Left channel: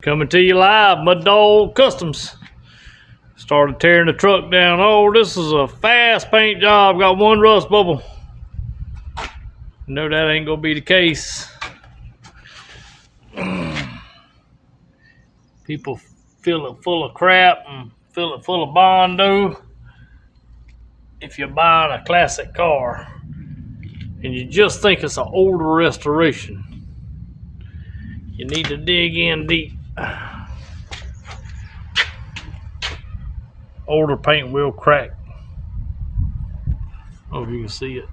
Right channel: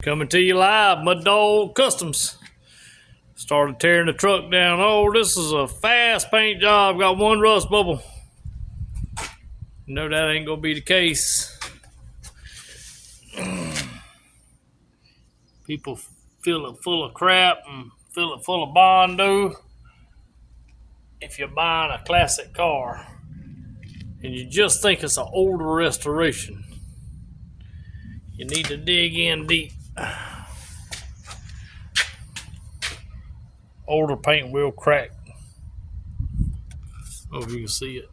Coming to you live, Mud Dog Customs. Started tearing the truck down. Oh, this is a fast paint job. Got one rust bubble. No, that ain't gonna be the case. People fill it full of crap and fill it full of Bondo. If you're buying a classic car and you just think it's an older restoration, you need to dig in deep. Older paint will crack. Oh, if you can see it,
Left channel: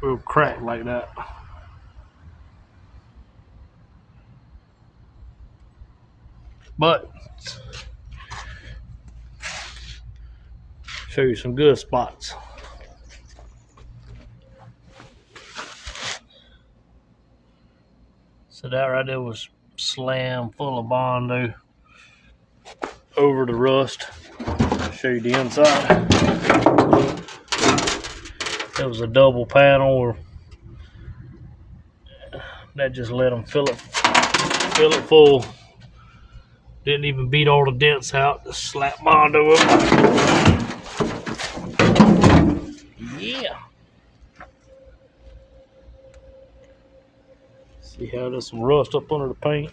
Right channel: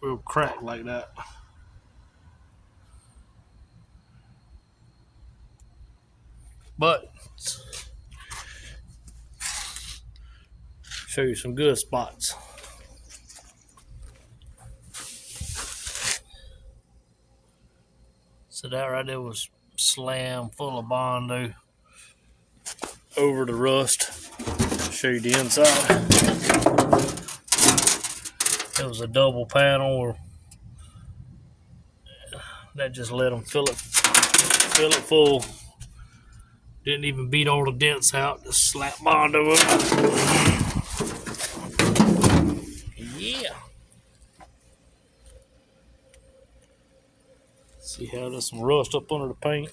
will crack like that. But show you some good spots. So that right there was slammed full of Bondo over the rust. Show you the inside. It was a double panel, that just let them fill it full. Didn't even beat all the dents out. Just slap Bondo over. Yeah. See how there's some rust up under the paint.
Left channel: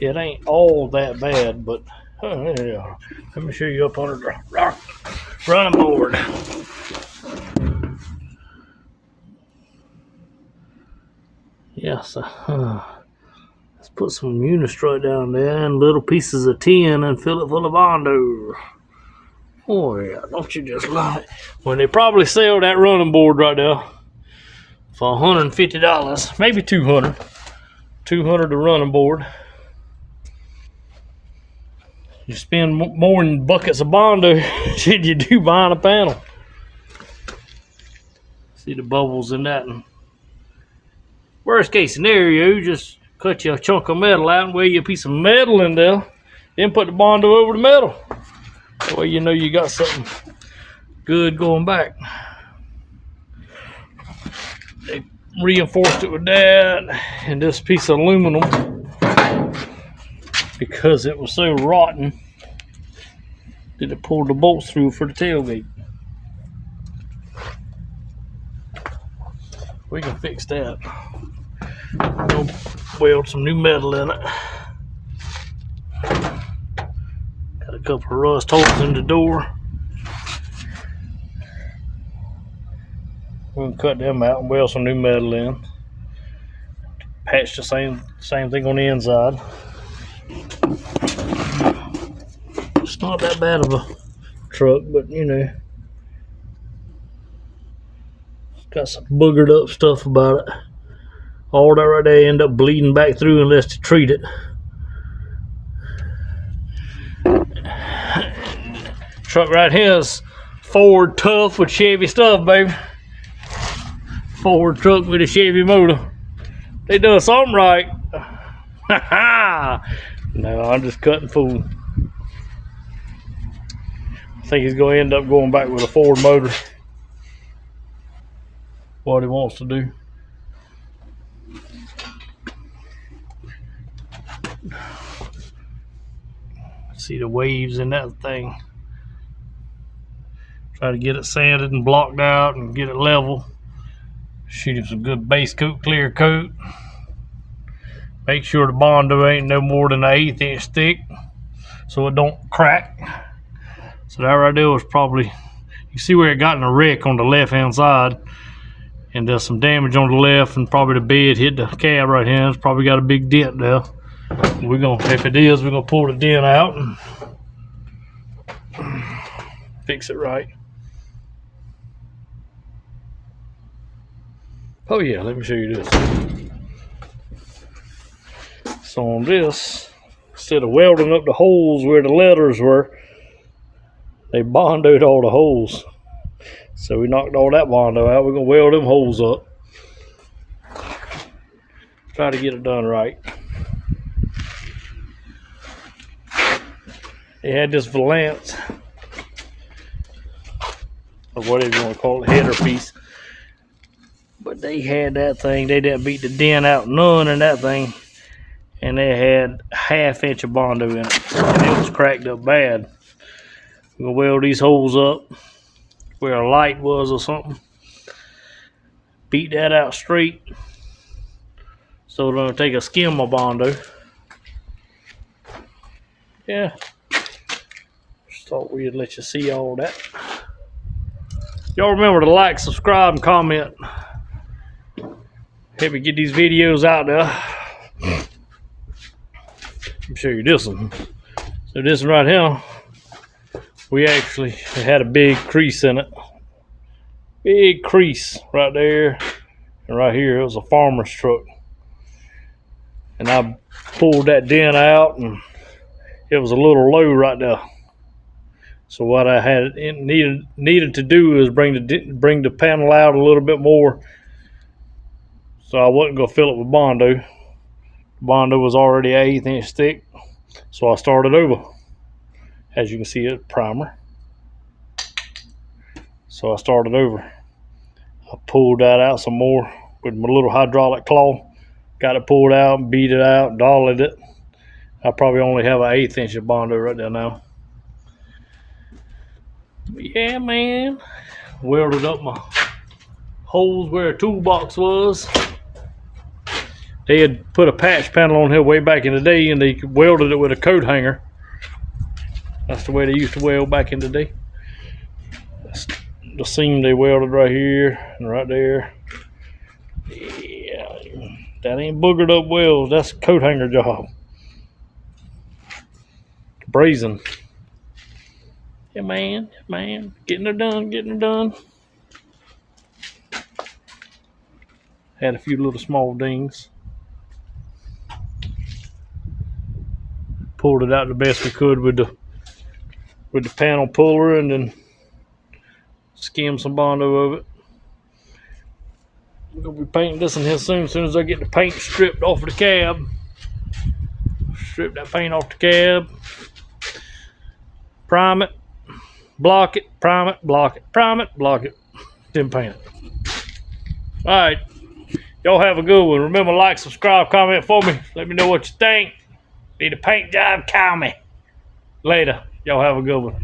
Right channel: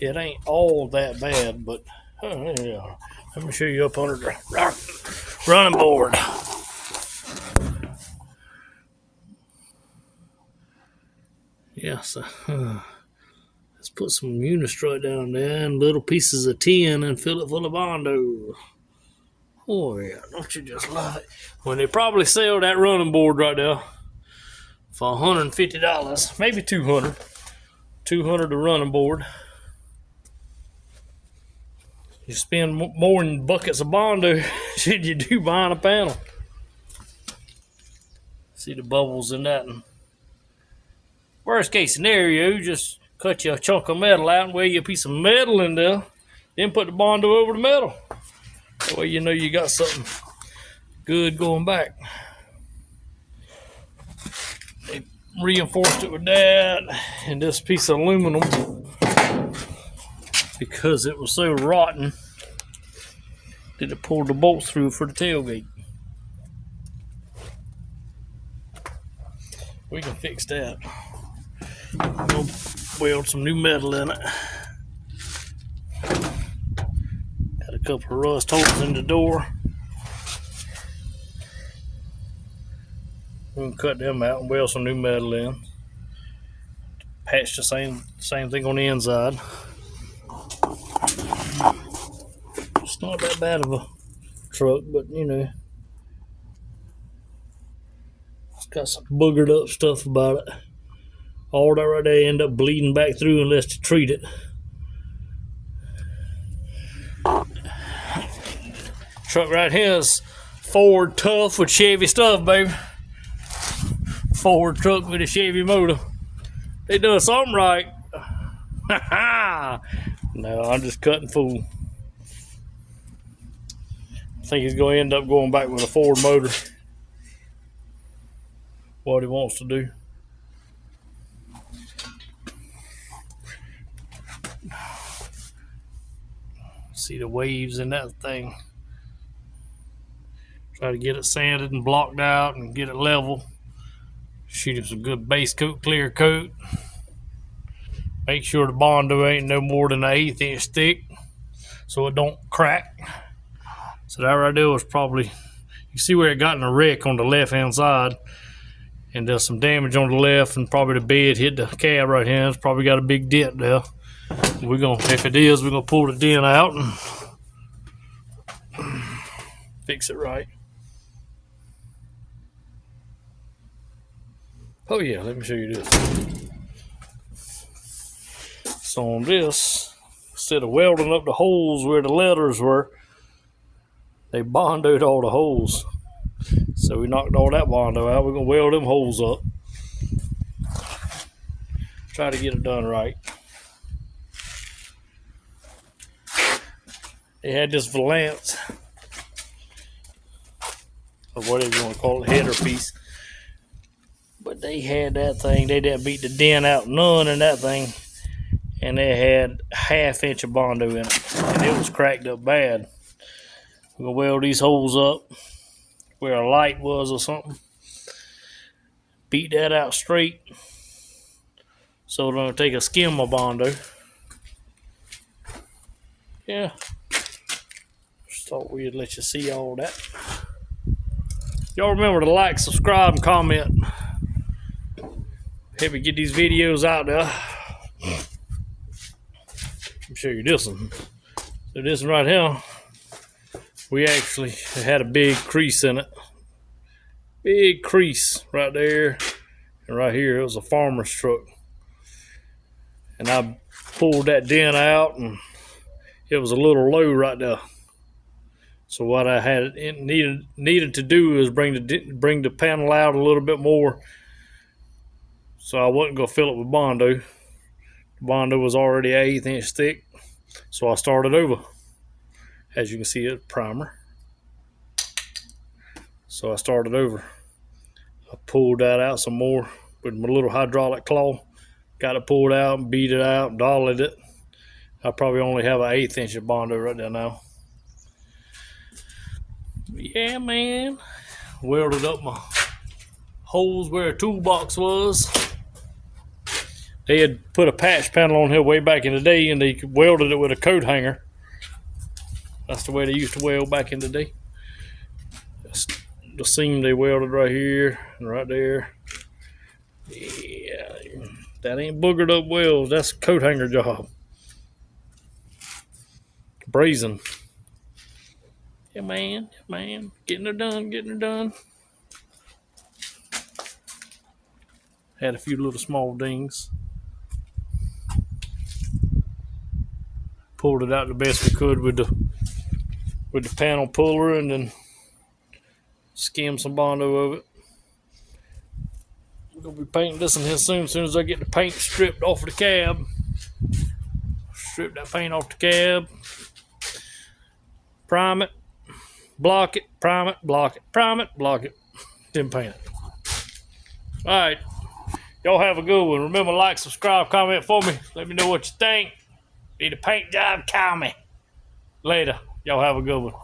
It ain't all that bad, but yeah. Let me show you up under the running board. Yes. Let's put some Unistrut down there and little pieces of tin and fill it full of Bondo. Oh yeah, don't you just love it? When they probably sell that running board right there for $150, maybe $200. $200 the running board. You spend more than buckets of Bondo than you do buying a panel. See the bubbles in that. And worst case scenario, you just cut you a chunk of metal out and weigh you a piece of metal in there, then put the Bondo over the metal. That way you know you got something good going back. They reinforced it with that and this piece of aluminum because it was so rotten that it pulled the bolts through for the tailgate. We can fix that. We're gonna weld some new metal in it. Got a couple of rust holes in the door. We're gonna cut them out and weld some new metal in. Patch the same thing on the inside. It's not that bad of a truck, but you know, it's got some boogered up stuff about it. All that right there end up bleeding back through unless you treat it. Truck right here is Ford tough with Chevy stuff, baby. Ford truck with a Chevy motor. They done something right. No, I'm just cutting fool. I think he's going to end up going back with a Ford motor. What he wants to do. See the waves in that thing. Try to get it sanded and blocked out and get it level. Shoot him some good base coat, clear coat. Make sure the Bondo ain't no more than an 1/8 inch thick so it don't crack. So that right there was probably, you see where it got in a wreck on the left hand side, and there's some damage on the left, and probably the bed hit the cab right here. It's probably got a big dent there. We're gonna, if it is, we're gonna pull the dent out and fix it right. Oh yeah, let me show you this. So on this, instead of welding up the holes where the letters were, they Bondoed all the holes. So we knocked all that Bondo out. We're gonna weld them holes up. Try to get it done right. They had this valance, or whatever you want to call it, header piece. But they had that thing. They didn't beat the dent out none in that thing. And and it had a 1/2 inch of Bondo in it, and it was cracked up bad. We're gonna weld these holes up where a light was or something. Beat that out straight. So we're gonna take a skim of Bondo. Yeah. Just thought we'd let you see all that. Y'all remember to like, subscribe, and comment. Help me get these videos out there. Let me show you this one. So this one right here, we actually had a big crease in it. Big crease right there. And right here, it was a farmer's truck. And I pulled that dent out, and it was a little low right there. So what I had needed to do is bring the panel out a little bit more. So I wasn't gonna fill it with Bondo. Bondo was already 1/8 inch thick, so I started over. As you can see, it's primer. So I started over. I pulled that out some more with my little hydraulic claw. Got it pulled out, beat it out, dollied it. I probably only have 1/8 inch of Bondo right there now. But yeah, man, welded up my holes where a toolbox was. They had put a patch panel on here way back in the day, and they welded it with a coat hanger. That's the way they used to weld back in the day. That's the seam they welded right here and right there. Yeah, that ain't boogered up welds. That's a coat hanger job. Brazing. Yeah, man, getting it done. Had a few little small dings. Pulled it out the best we could with the panel puller, and then skimmed some Bondo of it. I'm gonna be painting this in here soon. As soon as I get the paint stripped off of the cab, strip that paint off the cab, prime it, block it, prime it, block it, prime it, block it, then paint it. All right, y'all have a good one. Remember, like, subscribe, comment for me. Let me know what you think. Need a paint job, call me. Later. Y'all have a good one.